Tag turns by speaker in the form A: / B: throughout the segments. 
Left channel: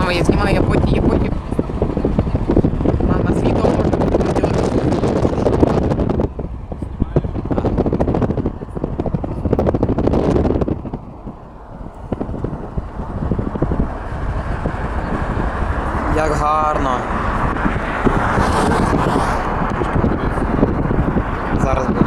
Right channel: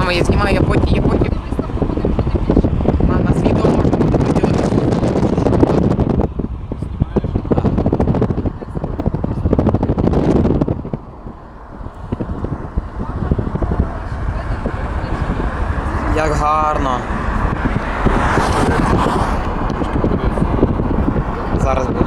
A: Мама, я знімаю, я потім. Мама, з відео можна буде виділити. Як гарно. Зараз буде.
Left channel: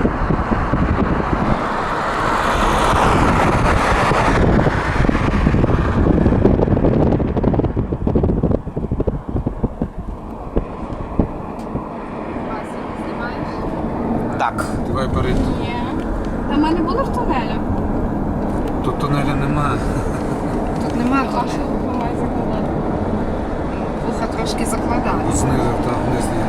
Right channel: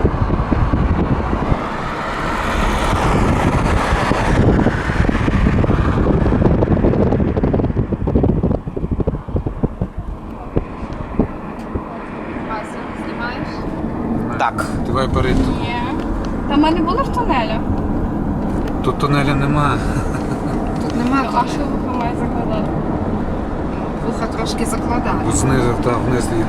A: Так.
B: Давай перейти.
C: Ні. Та ми не були в тунелі.
B: Тут тунеля нема.
C: Тут немає. А що вуха має закладати? Вуха трошки закладає.
B: Знизу та вниз їде.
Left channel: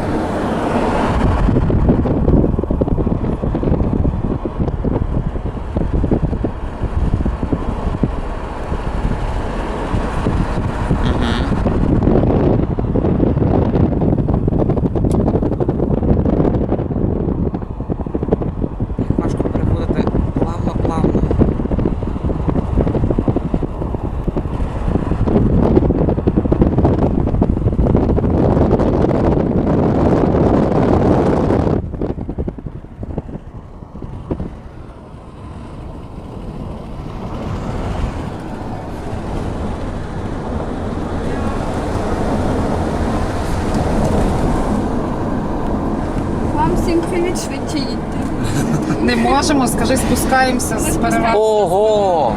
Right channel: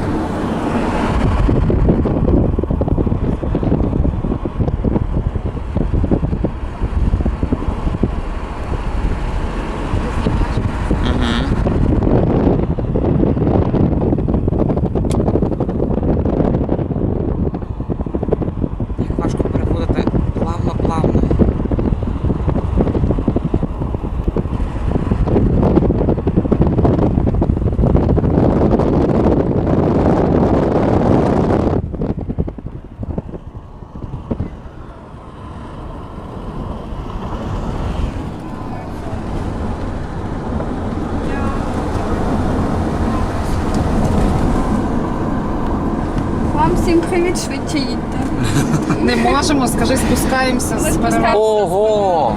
A: Важко переходити плавно-плавно.
C: Вам всім привіт, швидше їдьте.
D: Не можемо, скажи, спускаємося з перевагою.
A: Ого!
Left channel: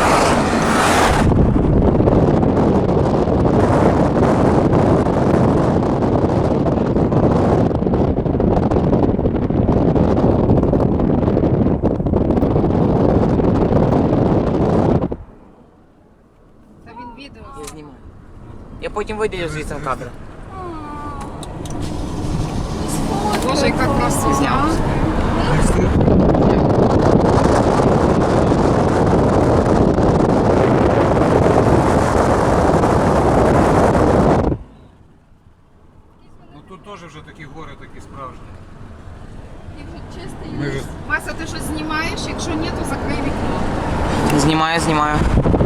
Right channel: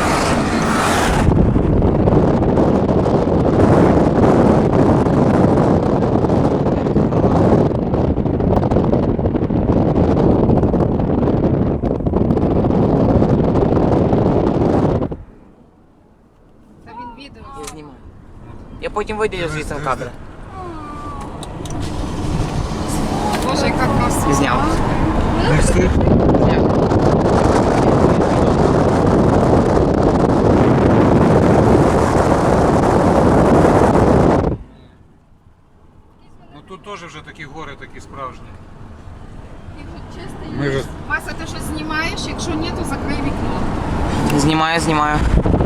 D: Та він відео.
A: Я знімаю. Я потім виділю звідси кадри.
D: Боже, яка краса.
A: Зняв.
B: Ну тут теж вже такі гори, такі справжні.
D: Вася, ти щось знімаєш? Якщо ні, то закрий вікно.
A: Знімаю.